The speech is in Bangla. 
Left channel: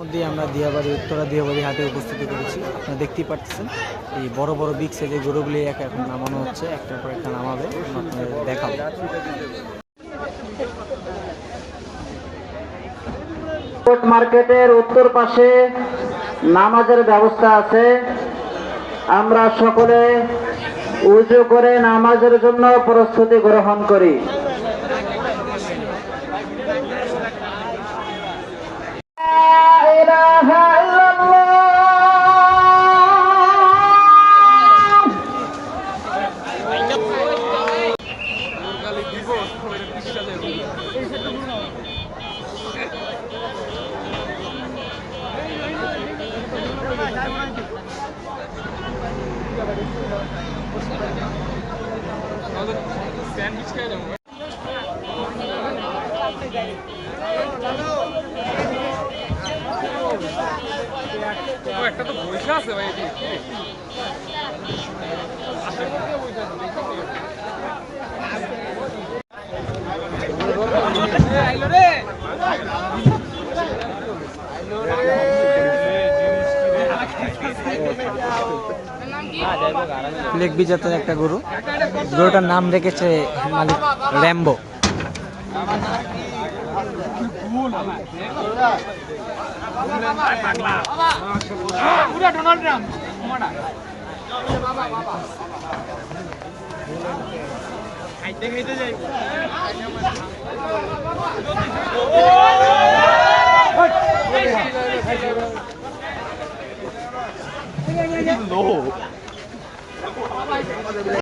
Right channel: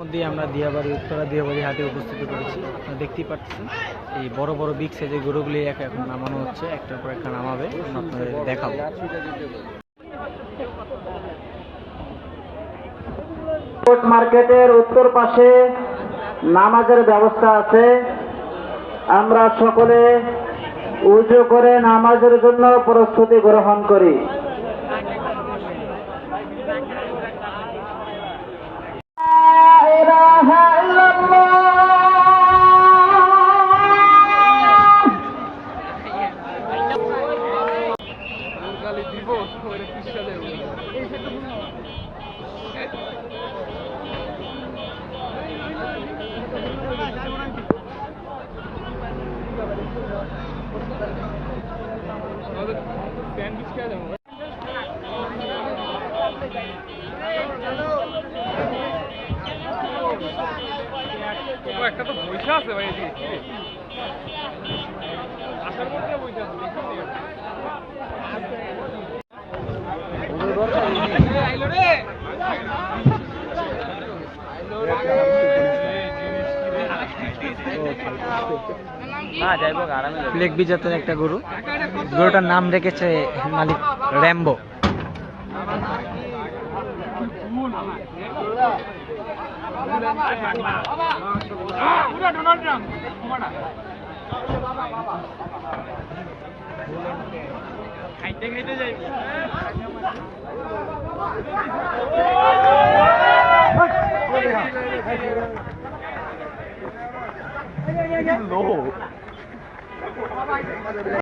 মধ্যে আমরা দিয়াবাড়ি উত্তরা দিয়াবাড়ি হাটে উপস্থিত করেছি। আপনারা দেখতেই পাচ্ছেন এই বড় বড় বিগ সাইজের গরুগুলি এখন নামানো হচ্ছে, একটার পর একটা নামাবে, আপনাদের দেখাবো। মার্কেটের উত্তর পাশে নামাজের ব্যবস্থা আছে। আমরা সকলে উযু করে নামাজের জন্য প্রস্তুতি গ্রহণ করি। স্যান্ডউইচ খেয়ে যাবো। একটা তো বৈশা আছে ভাই, আসার মধ্যে বৈশা আছে, লেগ বিজাতের একটা গরু, গরুটার নাম রেখেছে মালিক র্যাম্বো। লো